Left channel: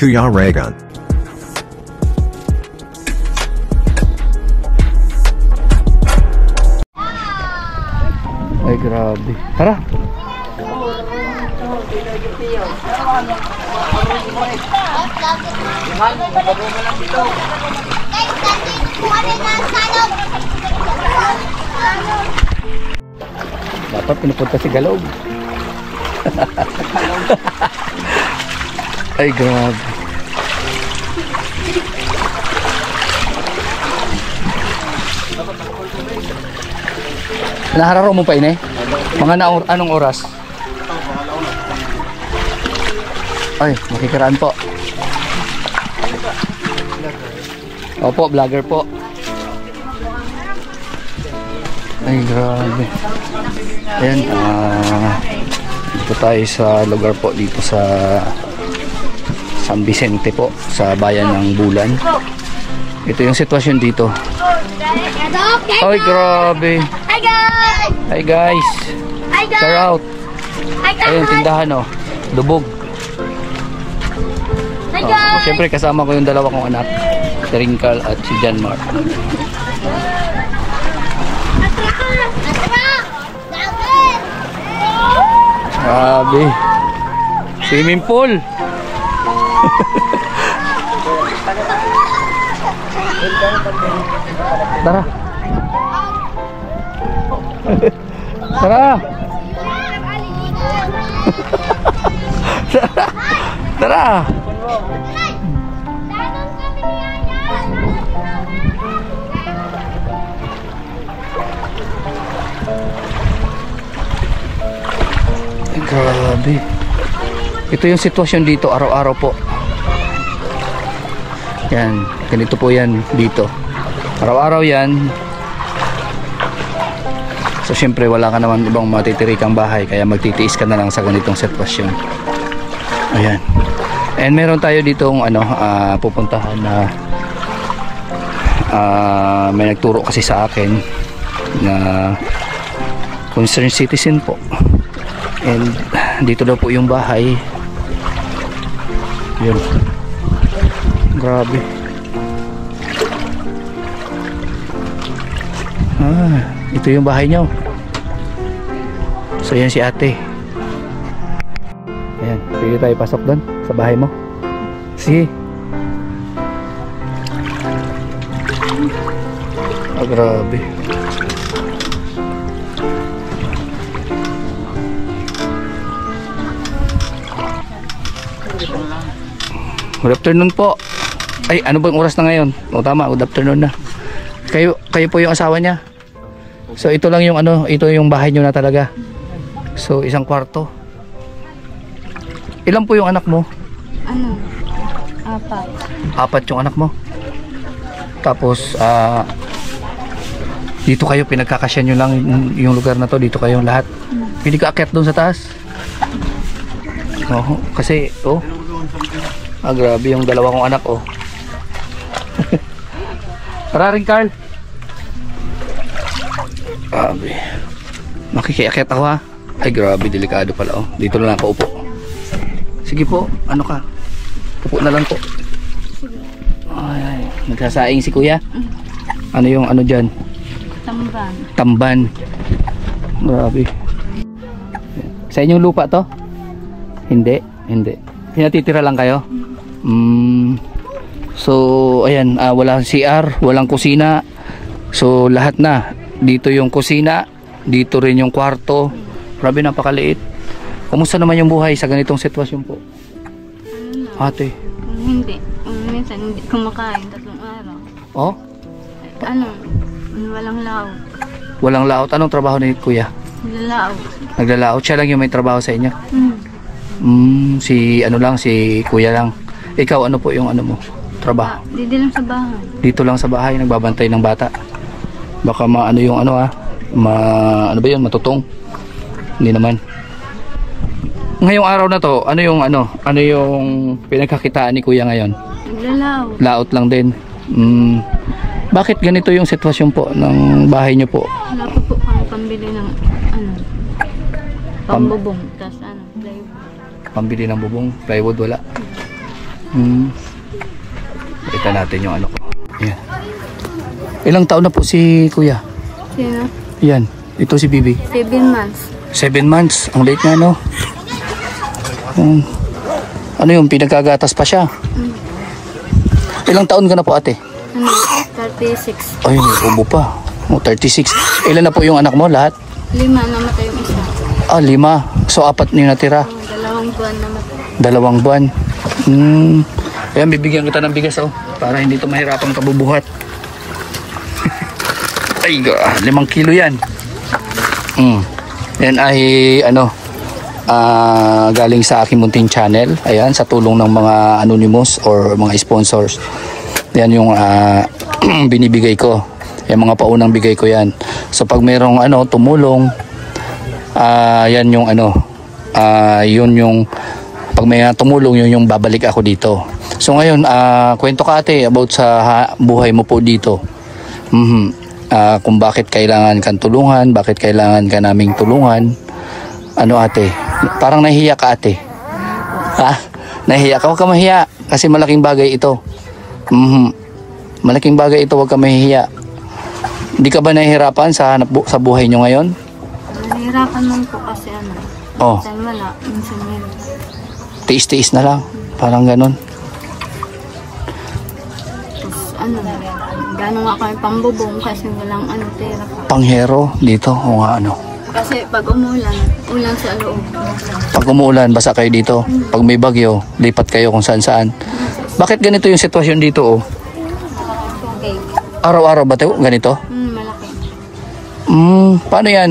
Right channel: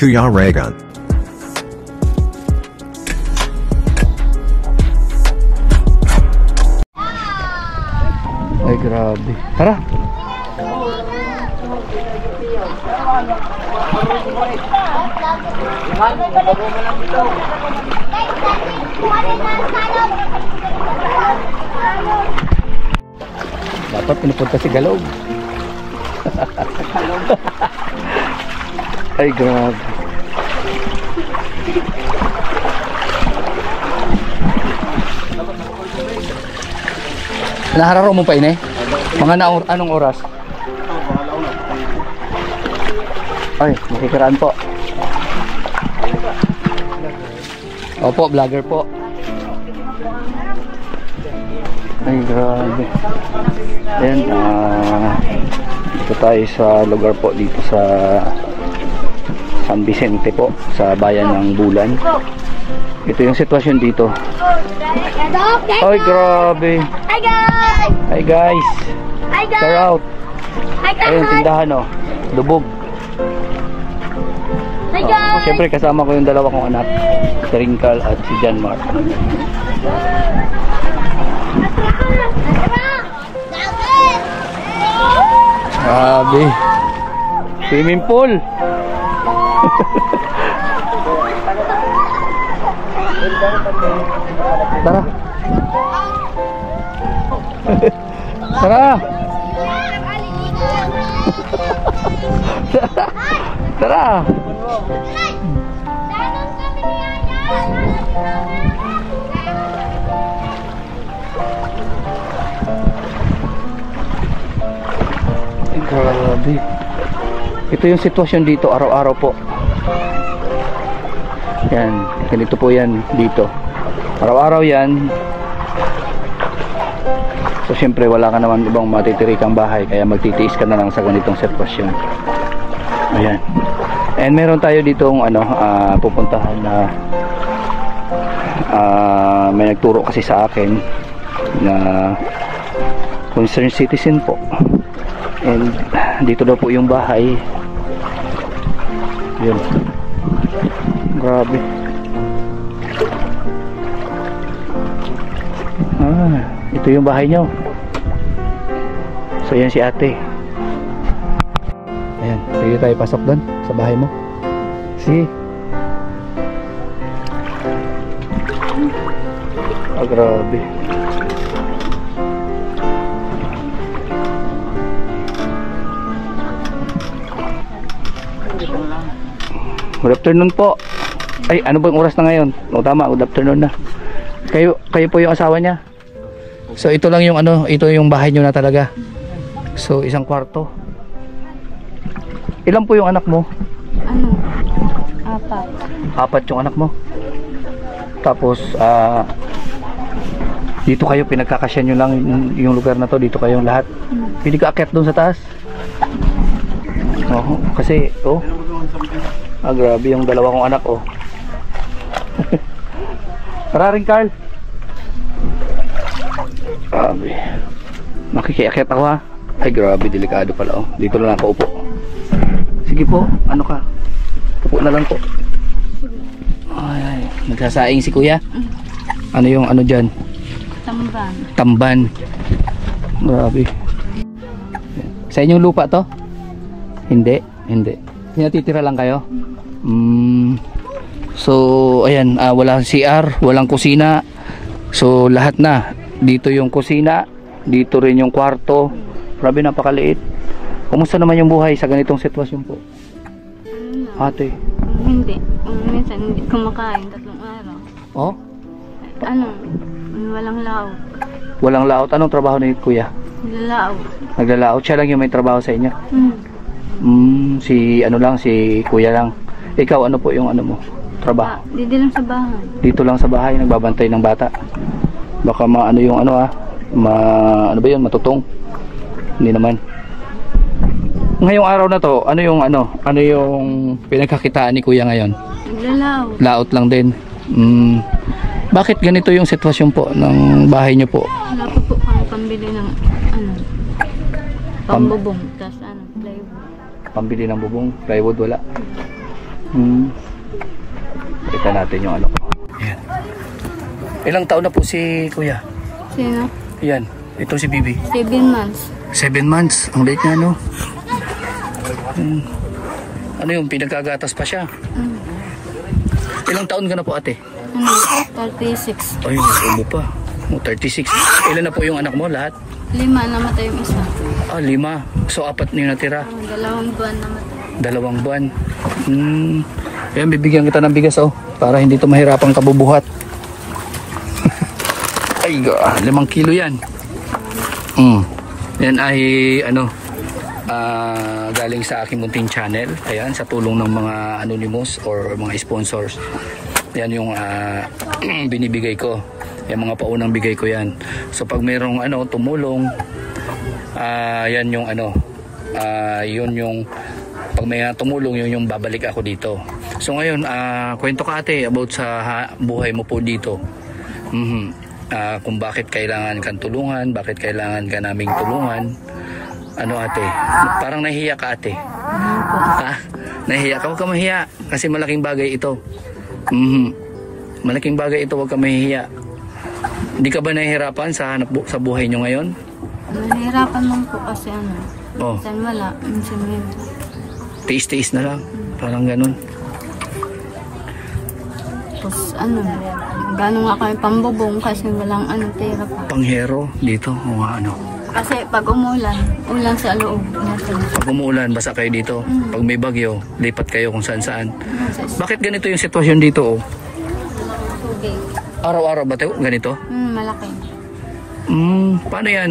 Kuya Raygun. Ay, grabe. Tara. Dapat pinupunta si Galog. Ay, grabe. Nahararo mo pa ini? Mga anong oras? Ay, makikiraan po. Opo, vlogger po. Ay, grabe. Ayan, dito tayo sa lugar po dito sa San Vicente po, sa bayan ng Bulan. Ito yung sitwasyon dito. Ay, grabe. Hi guys! Hi guys. Hi guys! Shout out. Hi guys! Ayun, tindahan oh. Lubog. Hi guys! Siyempre kasama ko yung dalawa kong anak, si Ringkal at si Janmar. Grabe. Swimming pool. Tara. Tara. Tara. Grabe. Ito yung sitwasyon dito araw-araw po. Yan, ganito po yan dito. Araw-araw yan. So syempre wala ka naman ibang matitirikang bahay, kaya magtitiis ka na lang sa ganitong sitwasyon. Ayan. And meron tayo ditong pupuntahan na may nagturo kasi sa akin na concerned citizen po. And dito daw po yung bahay. Yun. Grabe. Ito yung bahay nyo. So yan si ate. Ayan, pwede tayo pasok doon sa bahay mo. Sige. Grabe. Good afternoon po. Ay, ano bang oras na ngayon? O tama, good afternoon na. Kayo po yung asawa niya. So ito lang yung ito yung bahay niyo na talaga. So isang kwarto. Ilan po yung anak mo? Apat. Apat yung anak mo. Tapos dito kayo pinagkakasya nyo lang yung lugar na to, dito kayong lahat. Hindi ka akyat doon sa taas. Kasi grabe yung dalawa kong anak Tara rin, Carl. Grabe. Makikiakit ako ha. Ay grabe, delikado pala Dito na lang ako upo. Sige po, ano ka? Upo na lang po. Ay, nagsasaing si kuya. Ano yung dyan? Tamban. Tamban. Grabe. Sa inyong lupa to? Hindi. Pinatitira lang kayo? So ayan, walang CR, walang kusina. So lahat na. Dito yung kusina, dito rin yung kwarto. Grabe, napakaliit. Kumusta naman yung buhay sa ganitong sitwasyon po? Ate? Hindi. Minsan hindi kumakain 3 araw. Walang laot. Walang laot. Anong trabaho ni kuya? Naglalaot. Naglalaot. Siya lang yung may trabaho sa inyo? Si kuya lang. Ikaw, ano po yung mo? Trabaho? Dito lang sa bahay. Dito lang sa bahay, nagbabantay ng bata. Baka ano ba yun, matutong? Hindi naman. Ngayong araw na to, ano yung pinagkakitaan ni kuya ngayon? Naglalaot. Laot lang din. Bakit ganito yung sitwasyon po ng bahay nyo po? Wala pa po kami pambili ng pambubong, tas plywood. Pambili ng bubong, plywood wala. Kita natin yung ano ko. Yan. Ilang taon na po si kuya? Sino? Yan. Ito si Bibi. 7 months. 7 months. Ang late nga, no? Ano yung pinagkagatas pa siya? Ilang taon ka na po, ate? Ano? 36. Ayun, ubo pa. 36. Ilan na po yung anak mo lahat? 5 namatay yung isa. 5. So, 4 yung natira. 2 buwan namatay. 2 buwan. Ayan, bibigyan kita ng bigas, oh. Para hindi ito mahirapang kabubuhat. Ay, 5 kilo yan. Yan ay, galing sa aking munting channel. Ayan, sa tulong ng mga anonymous or mga sponsors. Yan yung binibigay ko. Yung mga paunang bigay ko yan. So pag mayroong tumulong, yan yung yun yung pag may tumulong, yun yung babalik ako dito. So ngayon, kwento ka ate about sa buhay mo po dito. Kung bakit kailangan kang tulungan, bakit kailangan ka naming tulungan. Ano ate? Parang nahihiya ka ate. Ha? Nahihiya ka? Huwag ka mahiya. Kasi malaking bagay ito. Malaking bagay ito, huwag ka mahihiya. Hindi ka ba nahihirapan sa buhay nyo ngayon? Nahihirapan man po kasi Oh. minsan wala, minsan meron. Tiis-tiis na lang. Parang ganun. Tapos gano'n nga kami pambubong kasi walang pera pa. Panghero dito o nga Kasi pag umulan, ulan sa loob. Pag umuulan, basa kayo dito. Pag may bagyo, lipat kayo kung saan-saan. Bakit ganito yung sitwasyon dito oh? Okay. Araw-araw ba ito? Ganito? Malaki. Paano yan?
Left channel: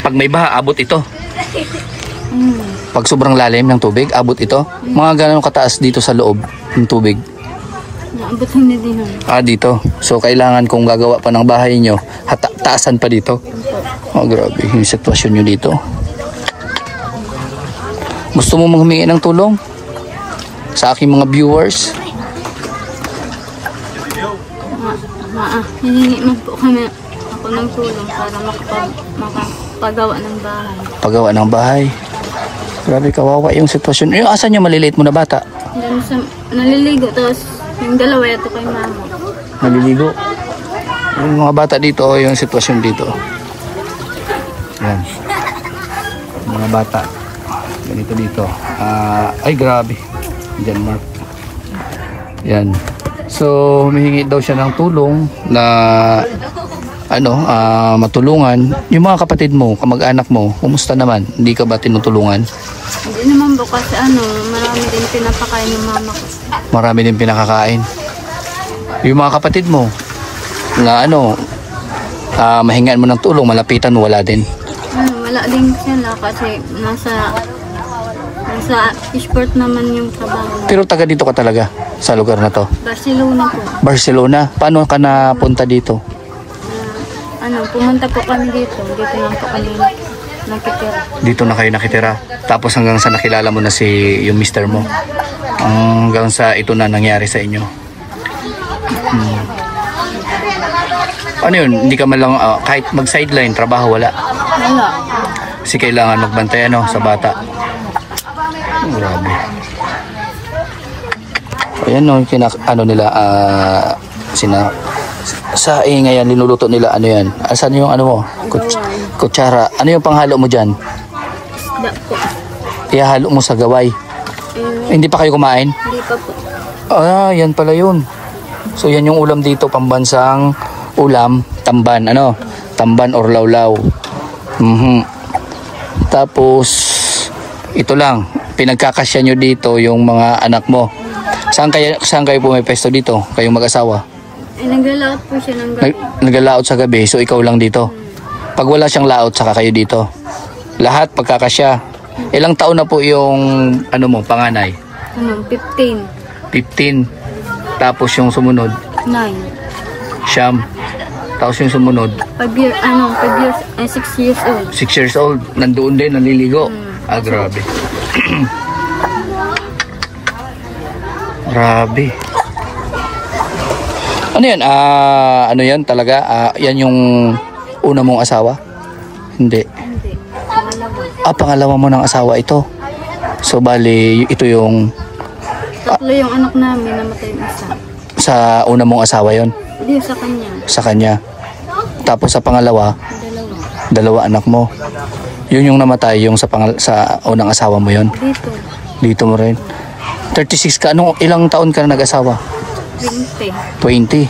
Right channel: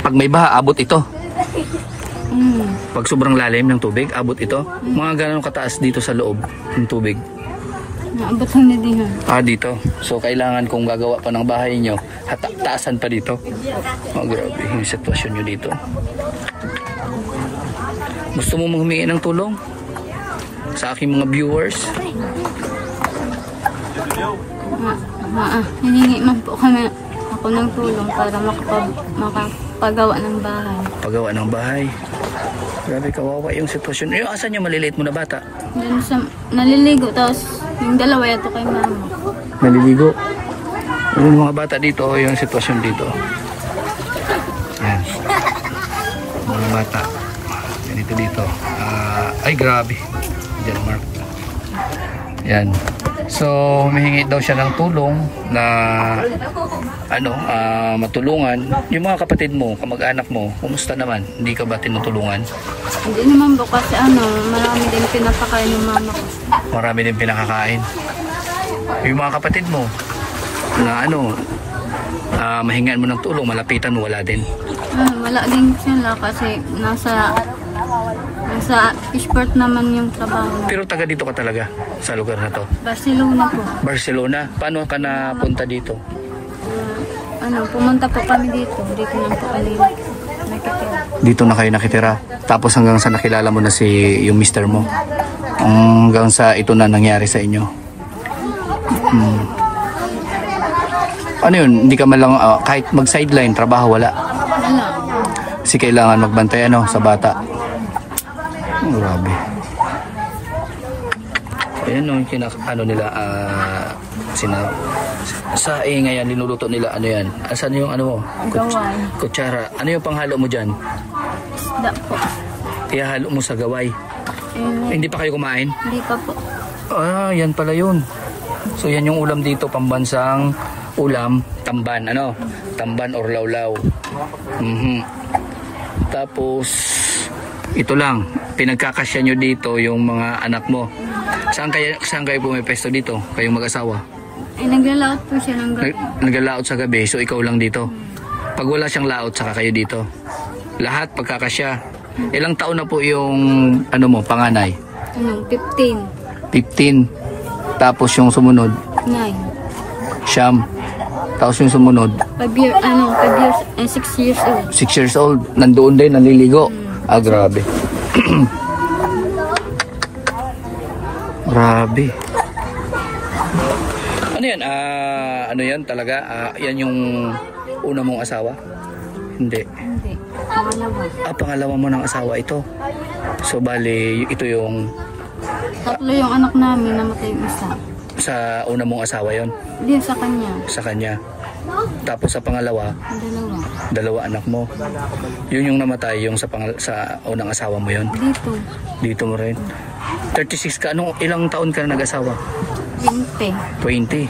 Pag may baha, abot ito. Pag sobrang lalim ng tubig, abot ito. Mga ganun kataas dito sa loob ng tubig. Naabot lang na din. Dito. So, kailangan kung gagawa pa ng bahay nyo, taasan pa dito. Oh, grabe. Yung sitwasyon nyo dito. Gusto mo humingi ng tulong? Sa aking mga viewers? Hiningi man po kami ako ng tulong para makapagawa ng bahay. Pagawa ng bahay. Grabe, kawawa yung sitwasyon. Yung asan yung maliliit mo na bata? Diyan sa naliligo, tapos yung dalawa ito kay mama. Naliligo. Yung mga bata dito, yung sitwasyon dito. Yan. Mga bata. Ganito dito. Ay, grabe. Diyan, Mark. Yan. So, humihingi daw siya ng tulong na matulungan. Yung mga kapatid mo, kamag-anak mo, kumusta naman? Hindi ka ba tinutulungan? Hindi naman po kasi marami din pinapakain ng mama ko. Marami din pinakakain. Yung mga kapatid mo na mahingaan mo ng tulong, malapitan mo, wala din. Wala din sila kasi nasa sport naman yung trabaho. Pero taga dito ka talaga sa lugar na to? Barcelona po. Barcelona? Paano ka napunta dito? Pumunta po kami dito. Dito lang po kami nakitira. Dito na kayo nakitira? Tapos hanggang sa nakilala mo na yung mister mo? Hanggang sa ito na nangyari sa inyo? Ano yun? Hindi ka man lang, kahit mag-sideline, trabaho, wala? Wala. Kasi kailangan magbantay sa bata. Grabe. Ayan nila, sa ngayon, niluluto nila, yan? Asan yung mo? Kutsara. Ano yung panghalo mo dyan? Isda po. Ihalo mo sa gaway. Hindi pa kayo kumain? Hindi pa po. Yan pala yun. So yan yung ulam dito, pambansang ulam, tamban. Tamban or lawlaw. Tapos, ito lang, pinagkakasya nyo dito yung mga anak mo. Saan kayo pumipesto dito? Kayong mag-asawa? Ay, naglalaot po siya ng gabi. Naglalaot sa gabi, so ikaw lang dito. Pag wala siyang laot, saka kayo dito. Lahat pagkakasya. Ilang taon na po yung panganay? 15. 15. Tapos yung sumunod? 9. Siyam. Tapos yung sumunod? 6 years old. 6 years old. Nandoon din, naliligo. Grabe. Grabe. Ano yan? Yan talaga? Yan yung una mong asawa? Hindi. Hindi. Pangalawa. Pangalawa mo ng asawa ito. So bali, ito yung Tatlo yung anak namin, namatay yung isa. sa una mong asawa yon, Hindi, sa kanya. sa kanya. Tapos sa pangalawa, Dalawa. 2 anak mo. Yun yung namatay, yung sa unang asawa mo yon. Dito. Dito mo rin. 36 ka. Ilang taon ka na nag-asawa? 20. 20.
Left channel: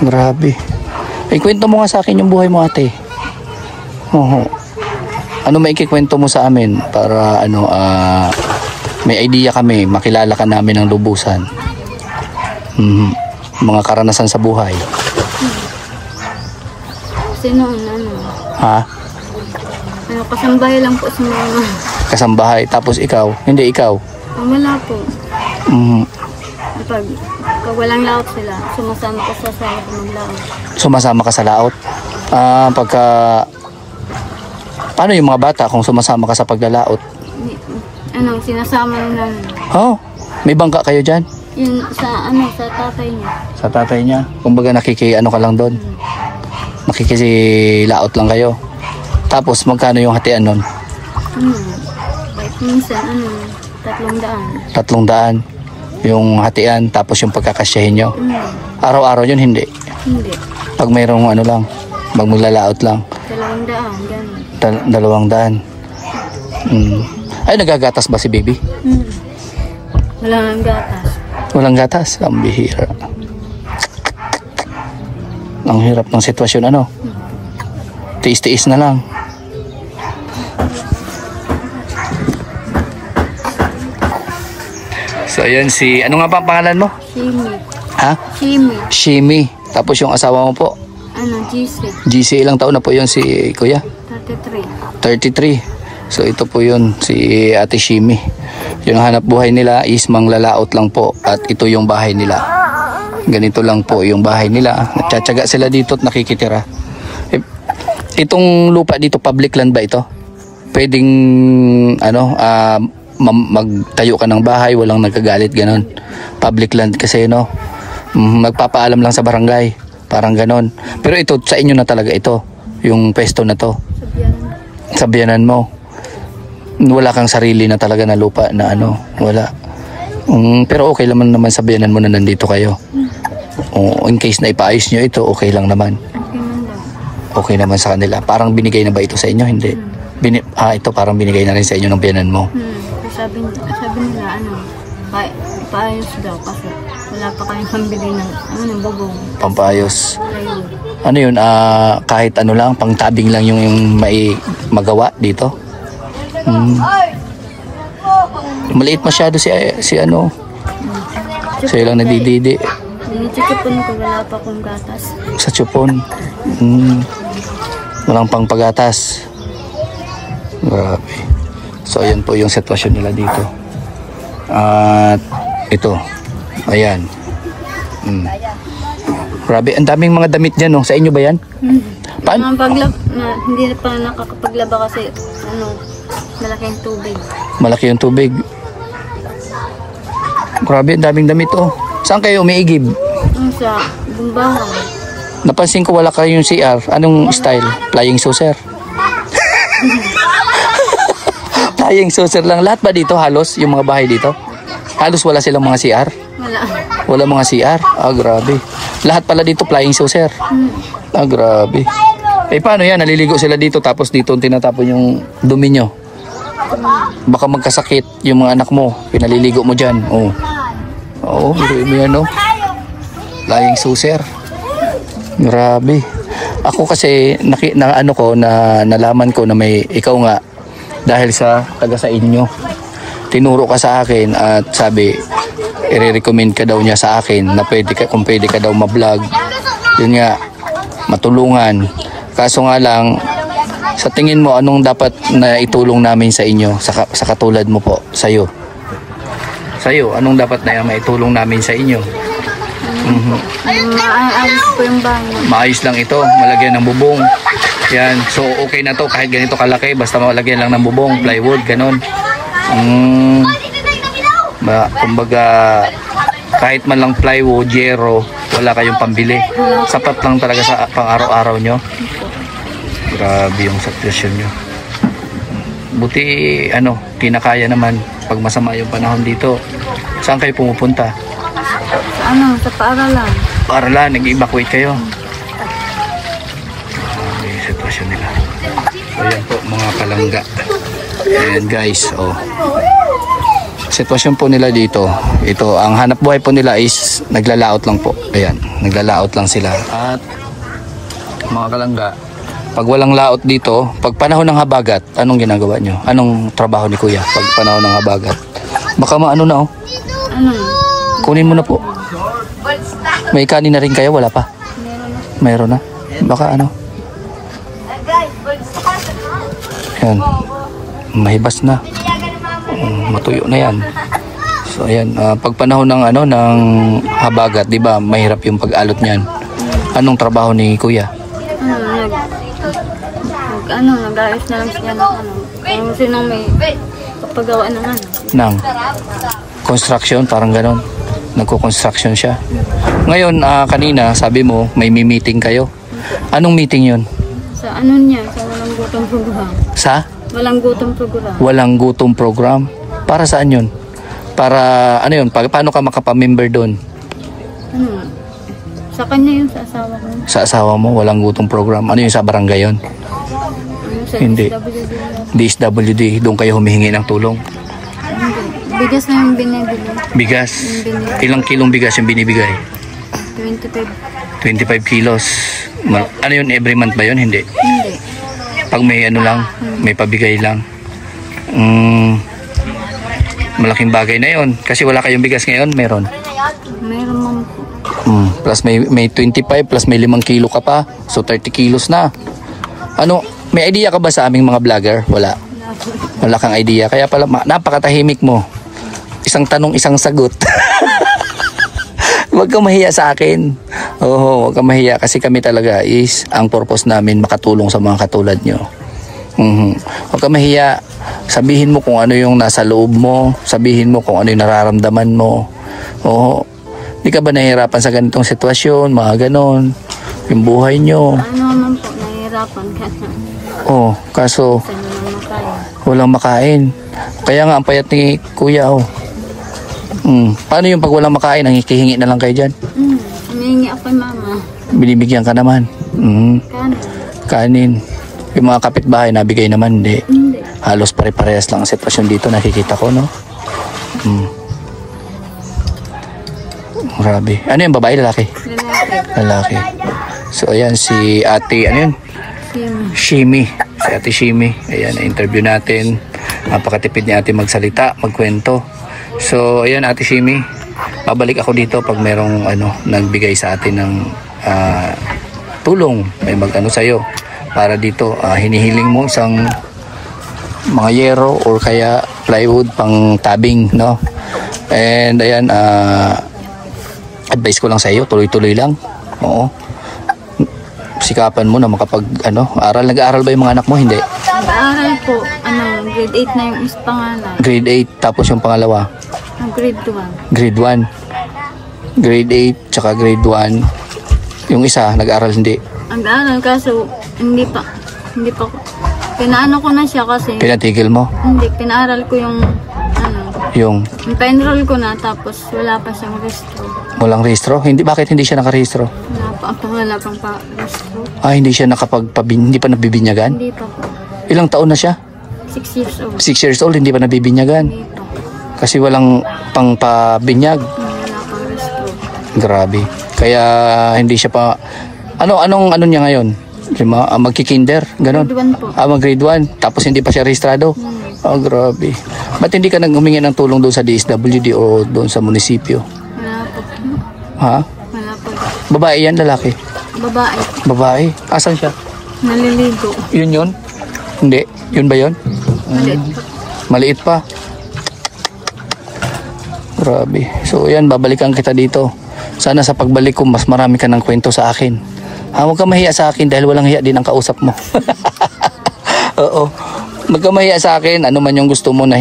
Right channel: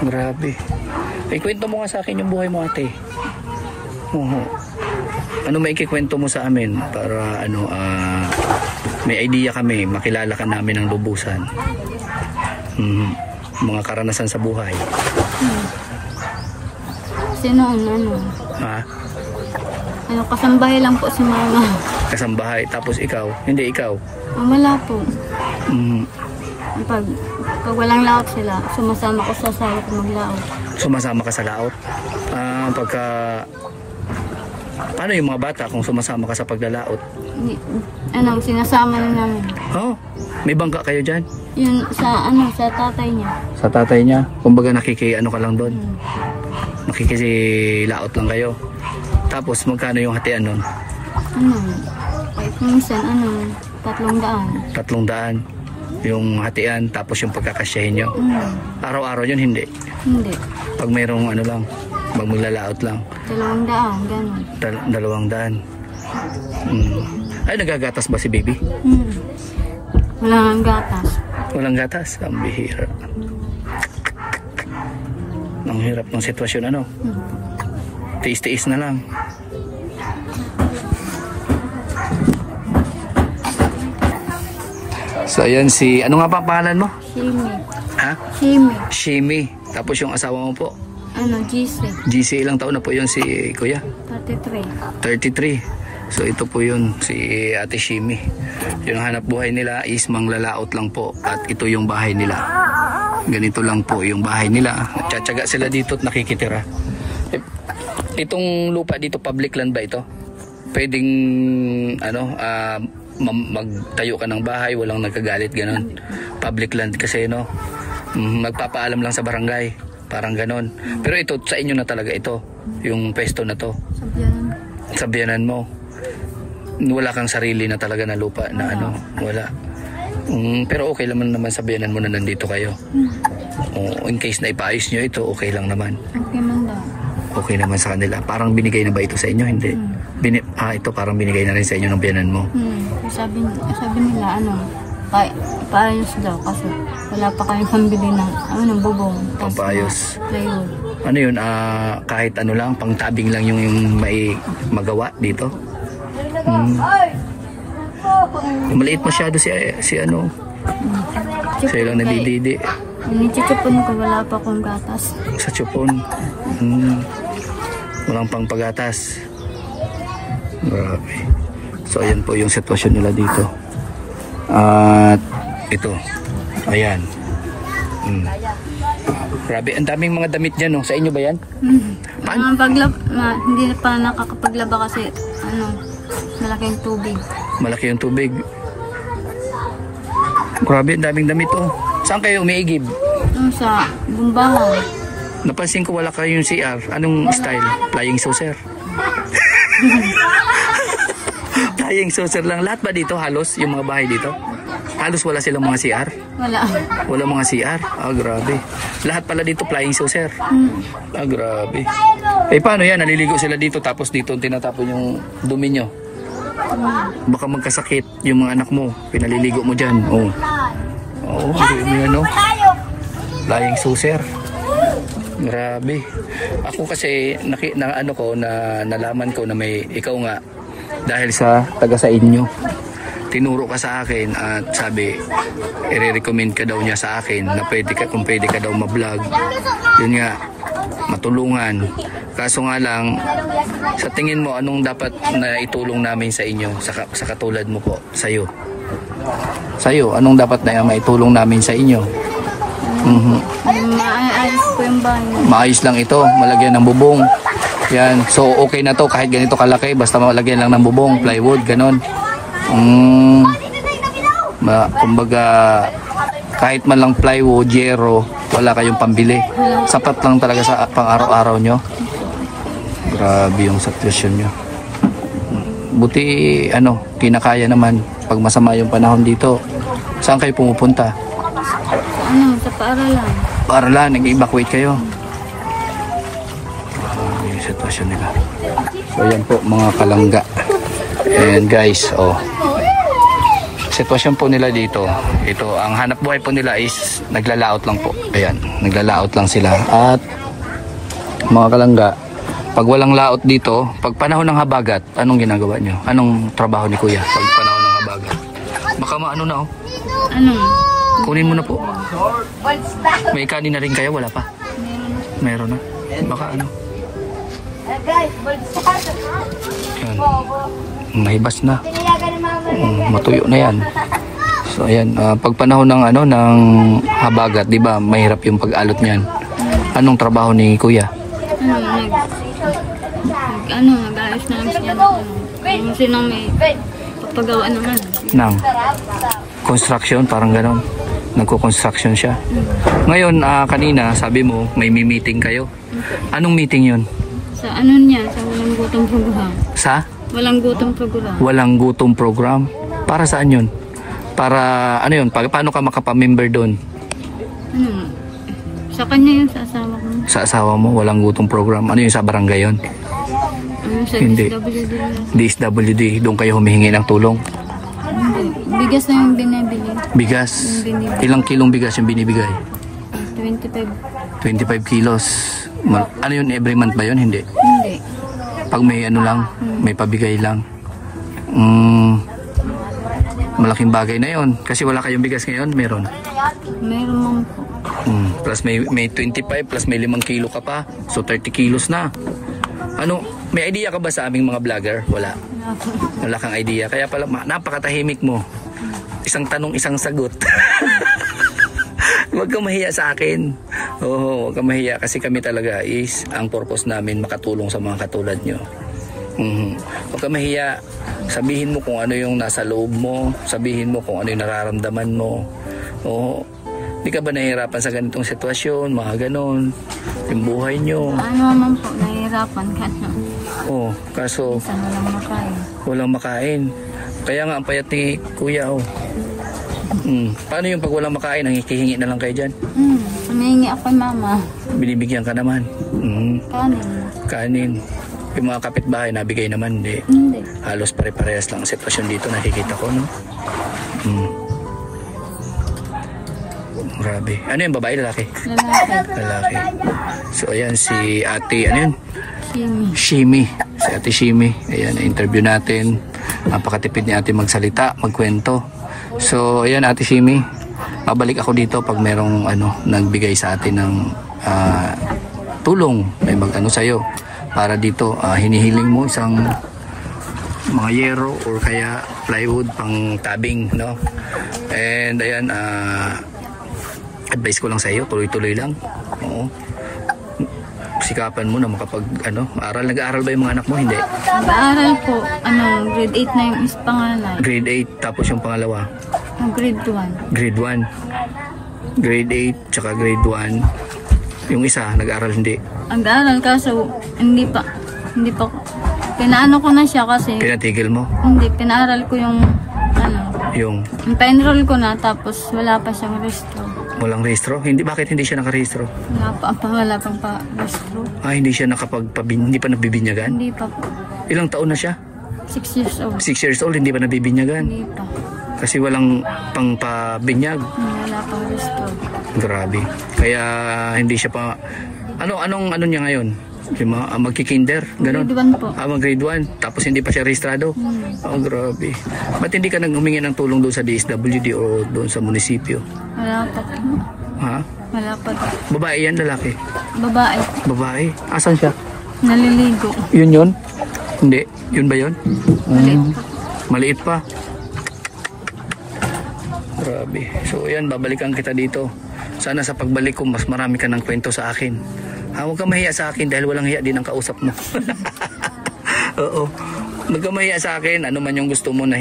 Grabe. Kwento mo nga sa akin yung buhay mo, ate. Oo. Ano may ikikwento mo sa amin para may idea kami, makilala ka namin ng lubusan. Mga karanasan sa buhay. Kasi noon, Ha? kasambahay lang po si mama. Kasambahay. Tapos ikaw? Hindi ikaw. Wala po. Mhm. Pag walang laot sila, sumasama ko sa asawa ko maglaot. Sumasama ka sa laot? Paano yung mga bata kung sumasama ka sa paglalaot? Sinasama na namin. Oh, may bangka kayo dyan? Yun sa tatay niya. Sa tatay niya? Kumbaga ka lang doon? Nakikisilaot lang kayo? Tapos magkano yung hatian nun? Kahit minsan, 300. 300 yung hatian, tapos yung pagkakasyahin nyo. Araw-araw yun, hindi? Hindi. Pag mayroong maglalaot lang. 200, gano'n. 200. Ay, nagagatas ba si baby? Wala nang gatas. Walang gatas? Ang bihira. Ang hirap ng sitwasyon, Tiis-tiis na lang. So, ayan ano nga pa ang pangalan mo? Shimi. Ha? Shimi. Shimi. Tapos yung asawa mo po? GC. GC, ilang taon na po yun si Kuya? 33. 33. So, ito po yun, si Ate Shimi. Yung hanap buhay nila is manglalaot lang po. At ito yung bahay nila. Ganito lang po yung bahay nila. Nagtsatsaga sila dito at nakikitira. Itong lupa dito, public land ba ito? Pwedeng, magtayo ka ng bahay, walang nagkagalit, ganon. Public land kasi, magpapaalam lang sa barangay, parang ganon. Pero ito, sa inyo na talaga ito, yung pwesto na to. Sabyanan mo. Wala kang sarili na talaga na lupa na wala. Pero okay naman sabyanan mo na nandito kayo. In case na ipaayos nyo ito, okay lang naman. Okay man daw. Okay naman sa kanila. Parang binigay na ba ito sa inyo? Hindi. Ito parang binigay na rin sa inyo ng biyanan mo. Sabi nila, paayos daw kasi wala pa kayong pambili ng bubong. Pampayos. Plywood. Ano yun? Kahit lang, pangtabing lang yung magawa dito. Maliit masyado si Sa'yo lang nadididi. Ninichipon ko, wala pa akong gatas. Sa tsupon. Walang pang pagatas. Grabe. So, ayan po yung sitwasyon nila dito. At ito. Ayan. Grabe, ang daming mga damit dyan, Sa inyo ba yan? Hindi pa nakakapaglaba kasi, malaking tubig. Malaki yung tubig. Grabe, ang daming damit, Saan kayo umiigib? Sa bumbahan. Napansin ko wala kayong CR. Anong style? Flying saucer? Flying saucer lang. Lahat ba dito halos? Yung mga bahay dito? Halos wala silang mga CR? Wala. Wala mga CR? Grabe. Lahat pala dito flying saucer? Grabe. Paano yan? Naliligo sila dito tapos dito tinatapon yung dumi nyo. Baka magkasakit yung mga anak mo. Pinaliligo mo dyan. Biruin mo yan, Flying saucer. Grabe. Ako kasi nalaman ko na may ikaw nga dahil sa taga sa inyo. Tinuro ka sa akin at sabi i-recommend ka daw niya sa akin na kung pwede ka daw ma-vlog. Yun nga, matulungan. Kaso nga lang, sa tingin mo anong dapat na itulong namin sa inyo sa katulad mo po, sa'yo? Anong dapat na maitulong namin sa inyo? Maayos po yung bahay. Maayos lang ito, malagyan ng bubong. Yan, so okay na to kahit ganito kalaki, basta malagyan lang ng bubong, plywood, ganon. Kumbaga, kahit man lang plywood, yero, wala kayong pambili. Sapat lang talaga sa pang araw-araw nyo. Grabe yung sitwasyon nyo. buti ano, kinakaya naman pag masama yung panahon dito. Saan kayo pumupunta? Sa sa paaralan. Paaralan, nag-evacuate kayo. Yung sitwasyon nila. So yan po mga palangga. And guys, sitwasyon po nila dito. Ito, ang hanap buhay po nila is naglalaot lang po. Ayan, naglalaot lang sila. At mga kalangga, pag walang laot dito, pag panahon ng habagat, anong ginagawa nyo? Anong trabaho ni Kuya pag panahon ng habagat? Baka maano na kunin mo na po. May kanin na rin kayo? Wala pa? Mayroon na. Baka ano? Ayan. Mahibas na. Matuyo na yan. So ayan, pag panahon ng ng habagat, 'di ba, mahirap yung pag-alot niyan. Anong trabaho ni Kuya? Nag-ayos na lang siya kung sinong may papagawa naman. Nang construction, parang ganon. Nagko-construction siya. Ngayon, kanina, sabi mo, may meeting kayo. Anong meeting yun? Sa niya, sa walang gutom program. Sa? Walang gutom program. Walang gutom program? Para saan yun? Para, yun? Paano ka makapamember doon? Sa kanya yun, sa asawa ko. Sa asawa mo, walang gutom program. Ano yun, sa barangay yun? Sa Hindi. DSWD, doon kayo humihingi ng tulong? Hindi. Bigas na yung binibili. Bigas? Ilang kilong bigas yung binibigay? 25. 25 kilos. Ano yun, every month ba yun? Hindi. Hindi. Pag may lang, may pabigay lang. Malaking bagay na yun. Kasi wala kayong bigas ngayon, meron? Meron man po. Plus may 25, plus may 5 kilo ka pa. So 30 kilos na. May idea ka ba sa aming mga vlogger? Wala. Wala kang idea. Kaya pala, napakatahimik mo. Isang tanong, isang sagot. Huwag kang mahiya sa akin. Huwag kang mahiya kasi kami talaga is, ang purpose namin makatulong sa mga katulad nyo. Huwag kang mahiya. Sabihin mo kung ano yung nasa loob mo. Sabihin mo kung ano yung nararamdaman mo. Di ka ba nahihirapan sa ganitong sitwasyon? Mga ganon. Yung buhay nyo. Ano naman po, nahihirapan ka na. Kaso walang makain. Kaya nga ang payat ni Kuya. Paano yung pag walang makain, ang hikihingi na lang kayo dyan? Humihingi ako kay mama. Binibigyan ka naman? Kanin. Kanin. Yung mga kapitbahay, nabigay naman? Hindi. Halos pare-parehas lang ang sitwasyon dito, nakikita ko, no? Grabe. Ano yung babae, lalaki? Lalaki. So ayan, si ate, ano yun? Shimi. Si ate Shimi. Ayan, na-interview natin. Napakatipid ni ate magsalita, magkwento. So ayan, ate Shimi, babalik ako dito pag merong nagbigay sa atin ng tulong, may mag-ano sa'yo para dito. Hinihiling mo isang mga yero or kaya plywood pang tabing, no? And ayan, advice ko lang sa iyo, tuloy-tuloy lang. Sikapan mo na aral. Nag-aaral ba yung mga anak mo? Hindi. Nag-aaral po, grade 8 na yung pangalan. Grade 8, tapos yung pangalawa? Grade 1. Grade 1. Grade 8, tsaka grade 1. Yung isa, nag-aaral hindi? Nag-aaral, kaso hindi pa pinaano ko na siya kasi. Pinatigil mo? Hindi, pinaaral ko yung Yung pa-enroll ko na, tapos wala pa siyang restro. Walang rehistro? Bakit hindi siya nakarehistro? Wala pang pa-restro. Hindi siya hindi pa nabibinyagan? Hindi pa po. Ilang taon na siya? 6 years old. 6 years old, hindi pa nabibinyagan? Hindi pa. Kasi walang pang pabinyag? Wala pang restro. Grabe. Kaya hindi siya pa. Anong niya ngayon? Magki-kinder? Ganon? Grade 1 po. Mag-grade 1. Tapos hindi pa siya rehistrado? Grabe. Ba't hindi ka naghumingi ng tulong doon sa DSWD o doon sa munisipyo? Wala pa po. Ha? Wala pa. Babae yan, lalaki? Babae. Babae? Asan siya? Naliligo. Yun? Hindi. Yun ba yun? Maliit pa. Grabe. So yan, babalikan kita dito. Sana sa pagbalik ko, mas marami ka ng kwento sa akin. Huwag ka mahiya sa akin dahil walang hiya din ang kausap mo. Oo. Huwag ka mahiya sa akin. Ano man yung gusto mo na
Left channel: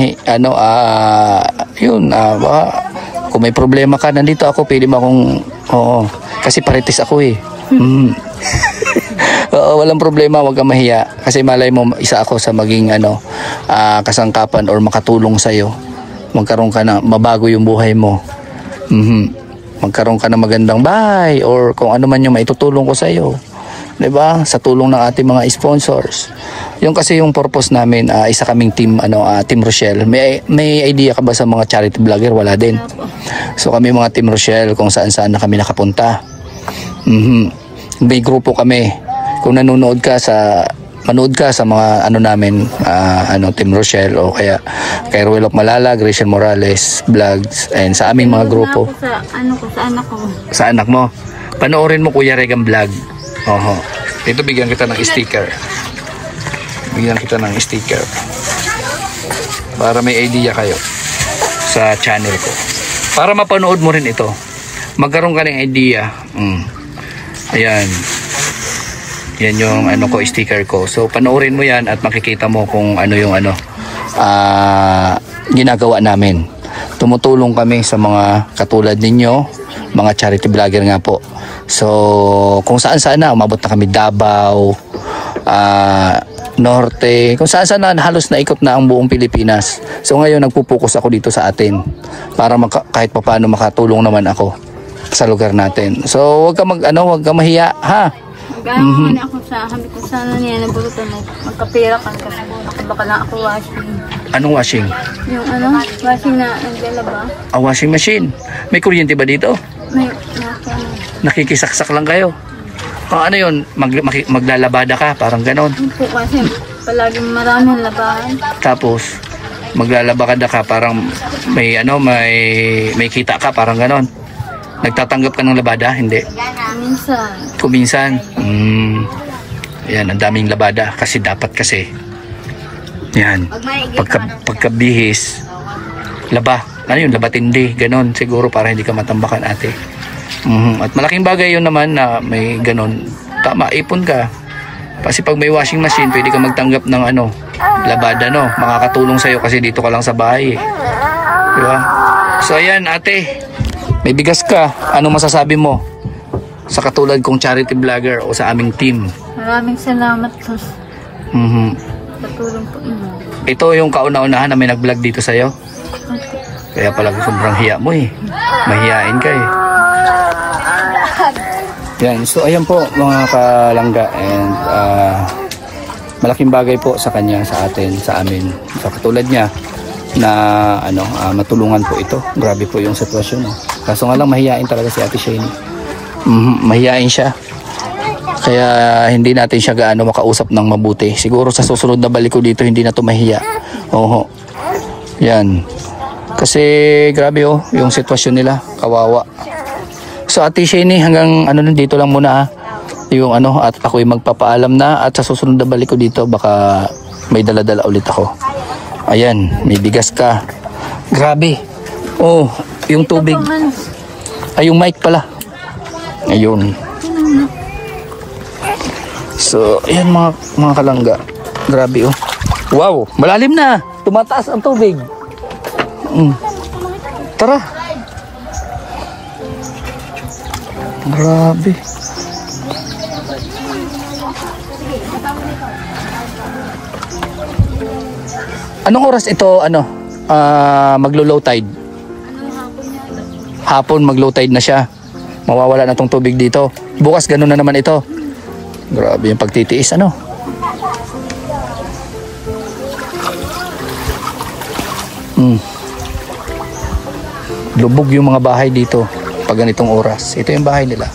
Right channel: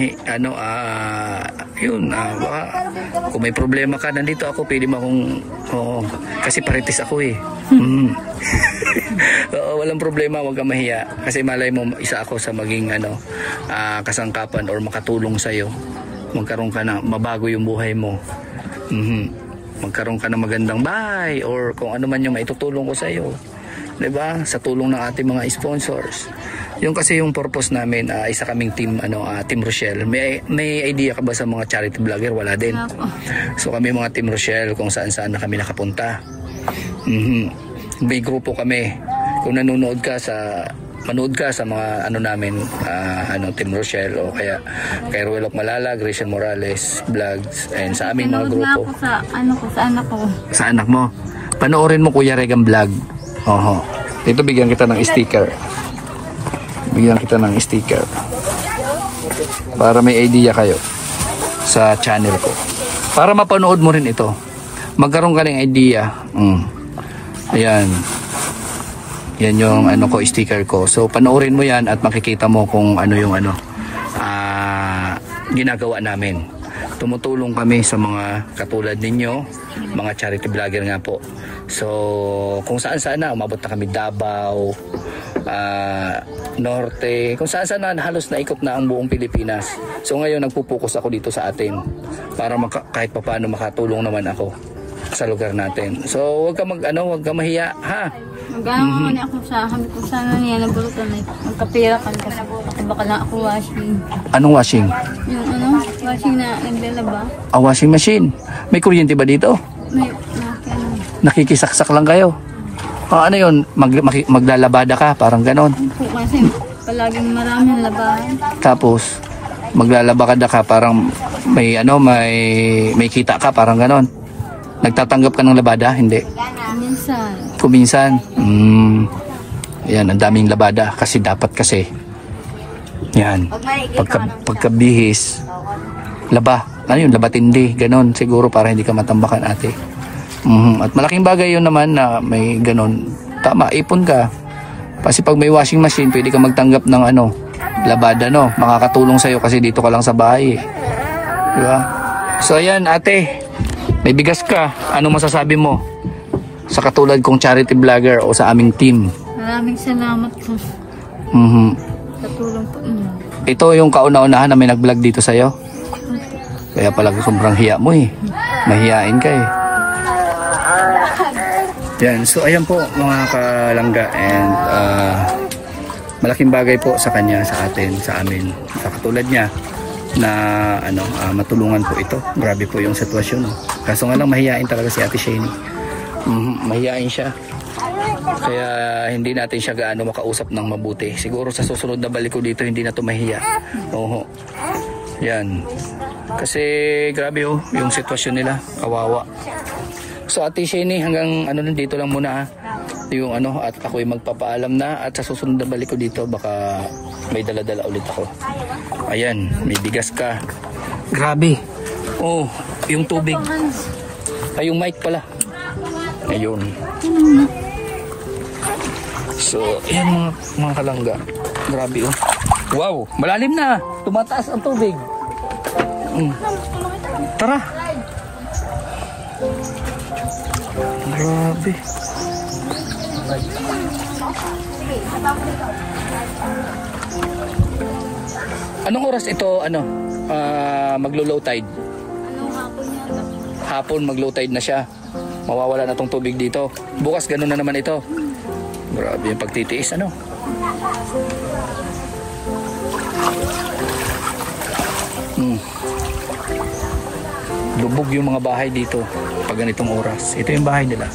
baka kung may problema ka, nandito ako. Pwede mo akong, kasi paritis ako eh. Oo. Oo, walang problema, wag kang mahiya. Kasi malay mo, isa ako sa maging kasangkapan or makatulong sa'yo. Magkaroon ka na, mabago yung buhay mo. Magkaroon ka na magandang bahay or kung ano man yung maitutulong ko sa'yo. Diba? Sa tulong ng ating mga sponsors. Yung kasi yung purpose namin, isa kaming team, Team Rochelle. May idea ka ba sa mga charity vlogger? Wala din. So kami mga Team Rochelle, kung saan-saan na kami nakapunta. May grupo kami. Kung manood ka sa mga namin, Team Rochelle o kaya kay Ruel of Malala, Gracian Morales vlogs, and sa aming mga grupo. Sa anak ko. Sa anak mo. Panoorin mo Kuya Regan vlog. Oho. Dito bigyan kita ng sticker. Bigyan kita ng sticker. Para may idea kayo sa channel ko. Para mapanood mo rin ito. Magkaroon ka ng idea. Ayan. Yan yung sticker ko. So panoorin mo yan at makikita mo kung ano yung ginagawa namin. Tumutulong kami sa mga katulad ninyo, mga charity vlogger nga po. So kung saan na umabot na kami, Davao, Norte, kung saan na halos naikot na ang buong Pilipinas. So ngayon nagpupokus ako dito sa atin para kahit paano makatulong naman ako sa lugar natin. So wag ka mahiya, ha? Mag-ano ako sa kami kung sana niya nabulutan magkapira kan kasi baka na ako washing. Anong washing? Yung washing na naglalaba. Washing machine. May kuryente ba dito? May nakikisaksak lang kayo. Ano yun? Maglalabada ka, parang ganon. Po, kasi palaging maraming labahan. Tapos maglalabada ka, parang may kita ka, parang ganon. Nagtatanggap ka ng labada? Hindi. Kuminsan. Yan, ang daming labada kasi dapat kasi. Yan. Pagkabihis, laba. Ano yun? Labatindi. Ganon. Siguro para hindi ka matambakan, ate. At malaking bagay yun naman na may ganon. Tama, ipon ka. Kasi pag may washing machine, pwede ka magtanggap ng labada, no? Makakatulong sa'yo kasi dito ka lang sa bahay. Diba? So, ayan, ate. May bigas ka. Anong masasabi mo sa katulad kong charity vlogger o sa aming team? Maraming salamat po. Sa tulong po. Ito yung kauna-unahan na may nag-vlog dito sa'yo. Kaya pala sobrang hiya mo eh. Mahiyain ka eh. Yan. So ayan po mga kalangga. And malaking bagay po sa kanya, sa atin, sa amin. Sa katulad niya na matulungan po ito. Grabe po yung sitwasyon. Kaso nga lang mahiyain talaga si Ate Shane. Mahiyain siya. Kaya hindi natin siya gaano makausap ng mabuti. Siguro sa susunod na balik ko dito hindi na to mahiya. Oho. Yan. Kasi grabe yung sitwasyon nila. Kawawa. So Ate Shane, hanggang dito lang muna yung at ako'y magpapaalam na at sa susunod na balik ko dito baka may dala-dala ulit ako. Ayan, may bigas ka. Grabe. Oh, yung tubig. Ay, yung mic pala. Ayun. So, ayan mga kalangga. Grabe oh. Wow, malalim na. Tumataas ang tubig. Tara. Grabe. Anong oras ito maglo-low tide? Hapon mag-low tide na siya. Mawawala na tong tubig dito. Bukas ganun na naman ito. Grabe yung pagtitiis Lubog yung mga bahay dito pag ganitong oras. Ito yung bahay nila.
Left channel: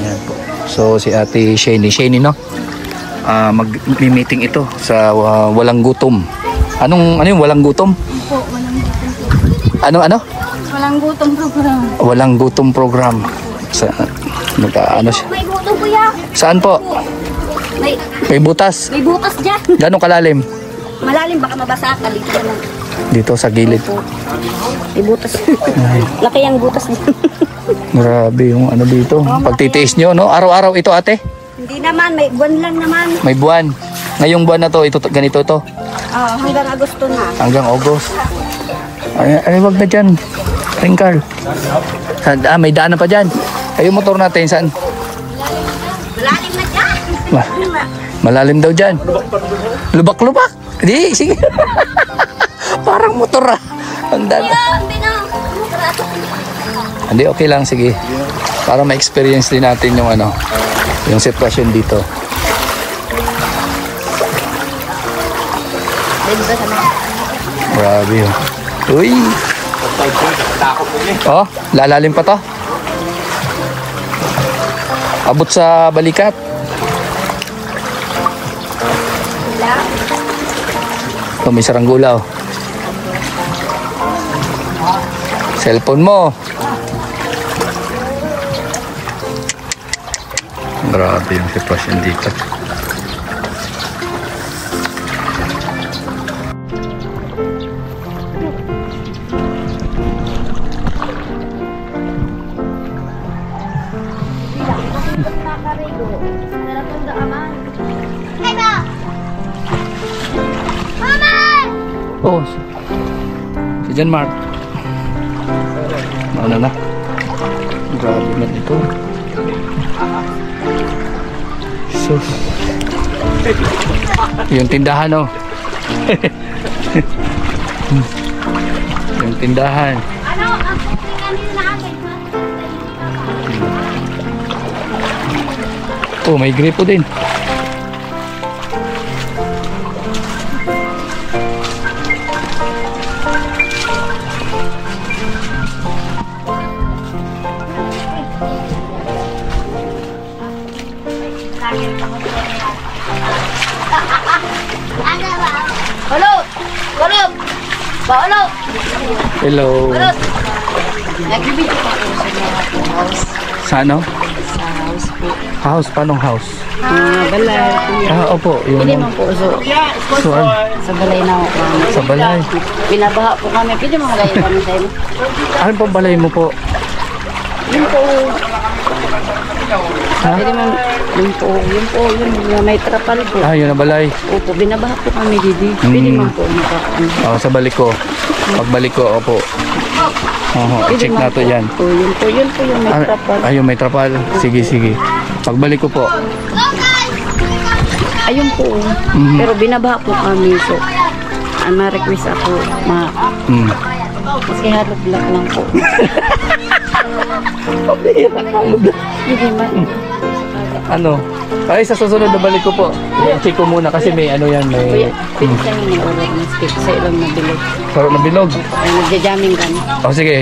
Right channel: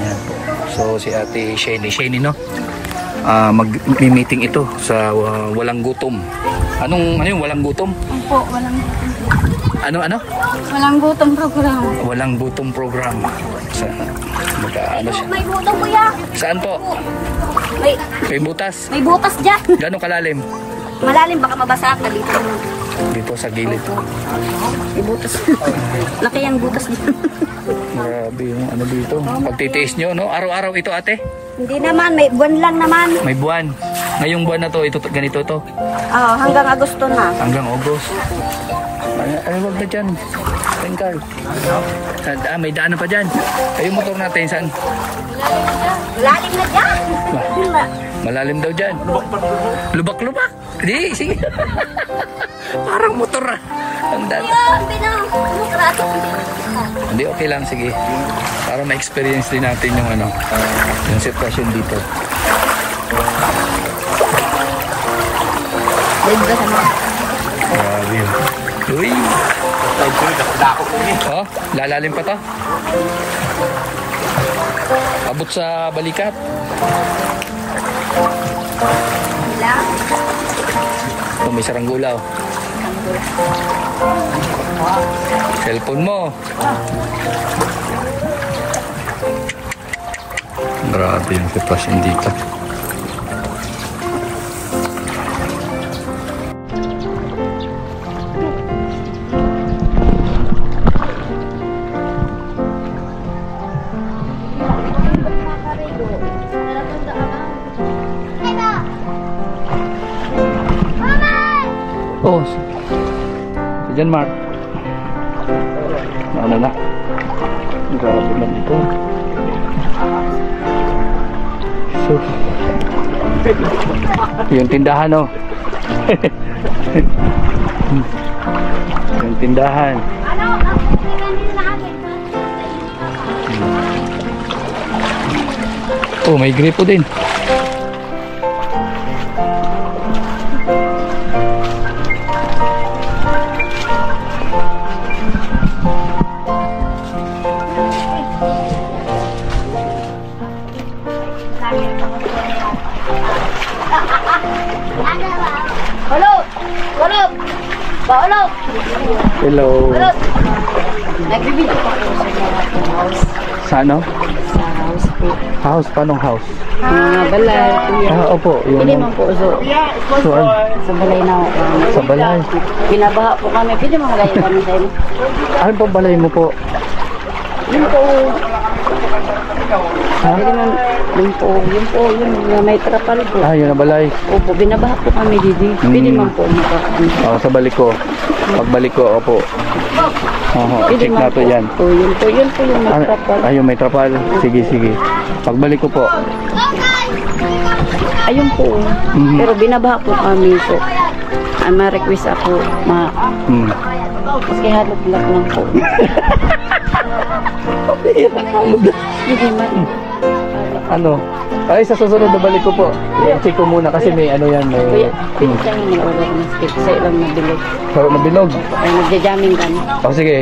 Ayan po. So si Ate Shane, no? Mag-meeting ito sa walang gutom. Ano yung walang gutom? Opo, walang gutom. Ano? Walang gutom program. Walang gutom program. Sa siya? May gutom kuya. Saan po? May butas. May butas dyan. Gano'ng kalalim? Malalim, baka mabasa ka dito naman. Dito sa gilid. May butas. Laki ang butas dyan. Grabe yung dito. Pagtitiis nyo, no? Araw-araw ito, ate? Hindi naman, may buwan lang naman. May buwan. Ngayong buwan na to, ganito to? Hanggang Agosto na. Hanggang August. Ay, wag na dyan. Ringkal. May daanan pa dyan. Ay, yung motor natin, saan? Malalim na dyan. Malalim daw dyan. Lubak-lubak. Di, sige. Parang motor ah. Ang dami. Hindi, okay lang, sige. Para ma-experience din natin yung ano, yung sitwasyon dito. Grabe yun. Uy! Oh, lalalim pa to. Abot sa balikat. Ito, may saranggula oh. Cellphone mo. Grabe yung sitwasyon dito. Oh, si John Mark. Ano na? Grabe man ito. So, yung tindahan oh. Yung tindahan. Ano? Ang pinaganin namin. Oh, may gripo din. Hello! Hello! Hello! Hello. Nagbibidyo pa po sa mga house. Sa ano? Sa house po. House? Paanong house? Balay. Opo. Yung, Pwede man po. Sa balay na ako. Sa balay. Binabaha po kami. Pwede mo magayon kami tayo. Ano po balay mo po? Yun po. Pwede man. Yun po. Yung may trapal po. Yun na balay. Opo, binabaha po kami didi. Pwede man po makakaan. Sa balik ko. Pagbalik ko, opo. I-check na to yan. Yun po yung may trapal. Ayun, may trapal. Sige. Pagbalik ko po. Ayun po. Pero binabaha po kami. So, ma-request ako. Kasi halog black lang po. Hindi man. Ano? Ay, sa susunod na balik ko po. I-check ko muna kasi may ano yan. May... Kuya, pwede siyang mag-order ng steak sa ilang nabilog. Sarap na bilog. Ay, nagja-jamming kami.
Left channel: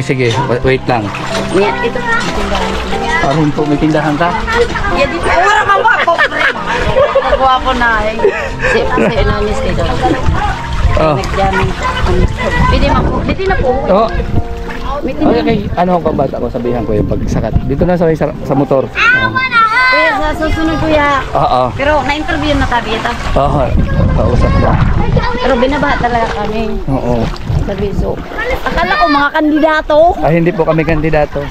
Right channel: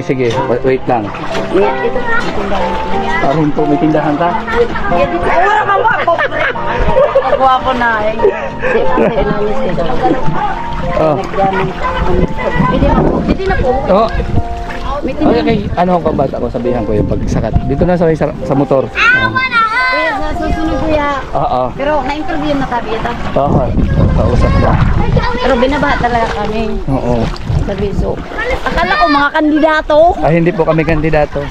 Sige. Wait lang. Ito, tindahan. Parang po, may tindahan ka? Yan dito. Ay, wala ka ba? Nagawa ko na. Kasi inanis kayo. Nag-jamming. Pwede na po. Okay. Ano ang kabata ko? Sabihan ko yung pagsakat. Dito na sa motor. Kuya, sa susunod kuya. Oo. Pero na-interview na kami ito. Oo. Kausap na. Pero binabaha talaga kami. Oo. Sabi so. Akala ko mga kandidato. Ay, hindi po kami kandidato.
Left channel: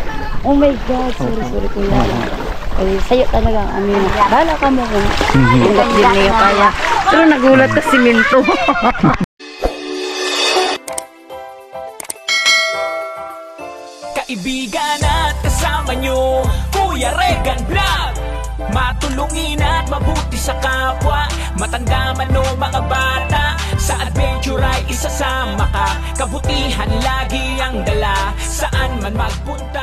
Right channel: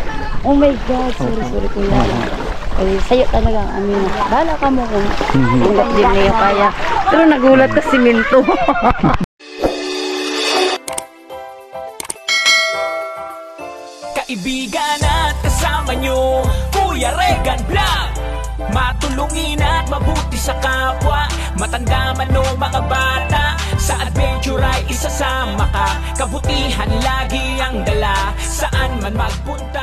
Oh my God. Sorry kuya. Ay, sa'yo talaga ang amin. Bahala ka mo kung ulat din ngayon kaya. Pero nagulat ka simento. Kaibigan at kasama nyo, Kuya Regan Vlog. Matulungin at mabuti sa kapwa, matanda man o mga bata. Sa adventure ay isasama ka, kabutihan lagi ang dala. Saan man magpunta